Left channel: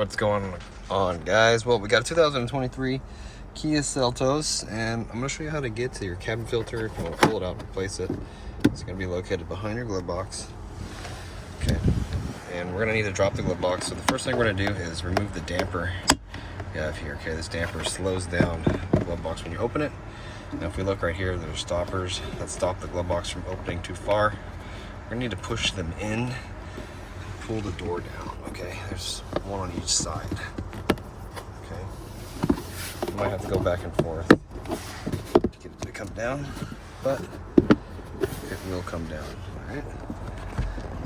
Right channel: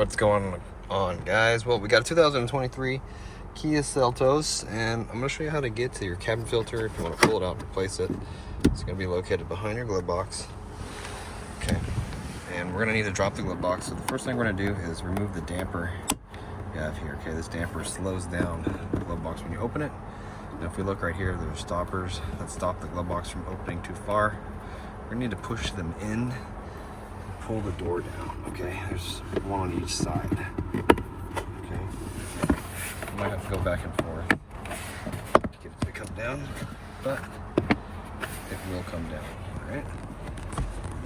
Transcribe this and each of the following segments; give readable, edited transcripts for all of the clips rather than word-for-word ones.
What's going on, guys? Well, we got a 2023 Kia Seltos, and I'm going to show you how to get to your cabin filter if you want to pull it out and replace it. It's going to be located behind your glove box. Okay, and we're going to need to drop the glove box. So the first thing we're going to do is remove the damper you have here. Okay, this damper slows down the glove box when you open it. Now if we look right here, there's stoppers that stop the glove box from opening too far. We're going to need to push them in. Pull the door down, okay? There's one on each side, okay? You might have to go back and forth to get it to come down, but it will come down, all right?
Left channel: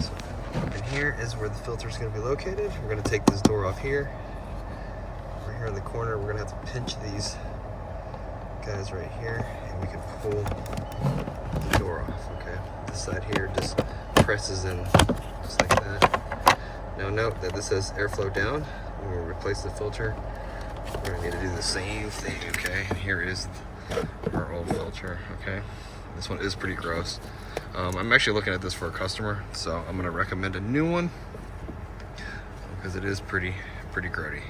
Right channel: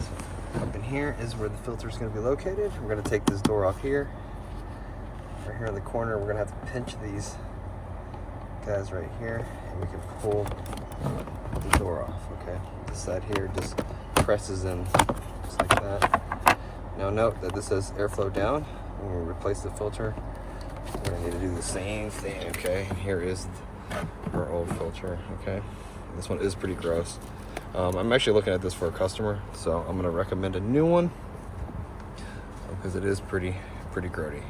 So up in here is where the filter is going to be located. We're going to take this door off here. Right here in the corner, we're going to have to pinch these guys right here, and we can pull the door off, okay? This side here just presses in just like that. Now note that this says airflow down. When we replace the filter, we're gonna need to do the same thing, okay? Here is our old filter, okay? This one is pretty gross. I'm actually looking at this for a customer, so I'm gonna recommend a new one because it is pretty grody.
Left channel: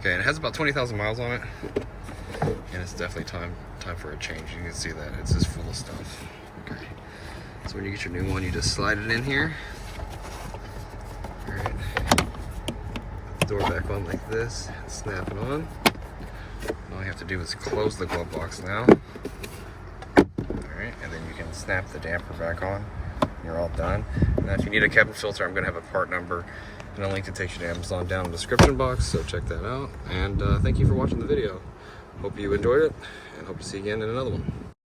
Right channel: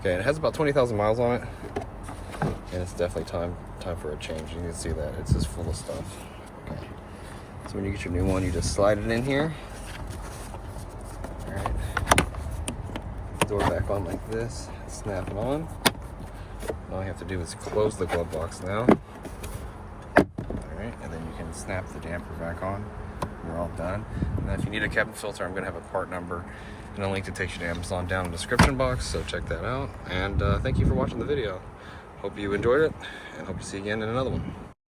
Okay, and it has about 20,000 miles on it, and it's definitely time for a change. You can see that it's just full of stuff. Okay, so when you get your new one, you just slide it in here. Alright, put the door back on like this, snap it on. All you have to do is close the glove box now. Alright, and then you can snap the damper back on. You're all done. Now if you need a cabin filter, I'm going to have a part number and a link to take you to Amazon down in the description box, so check that out. And thank you for watching the video. Hope you enjoyed it, and hope to see you again in another one.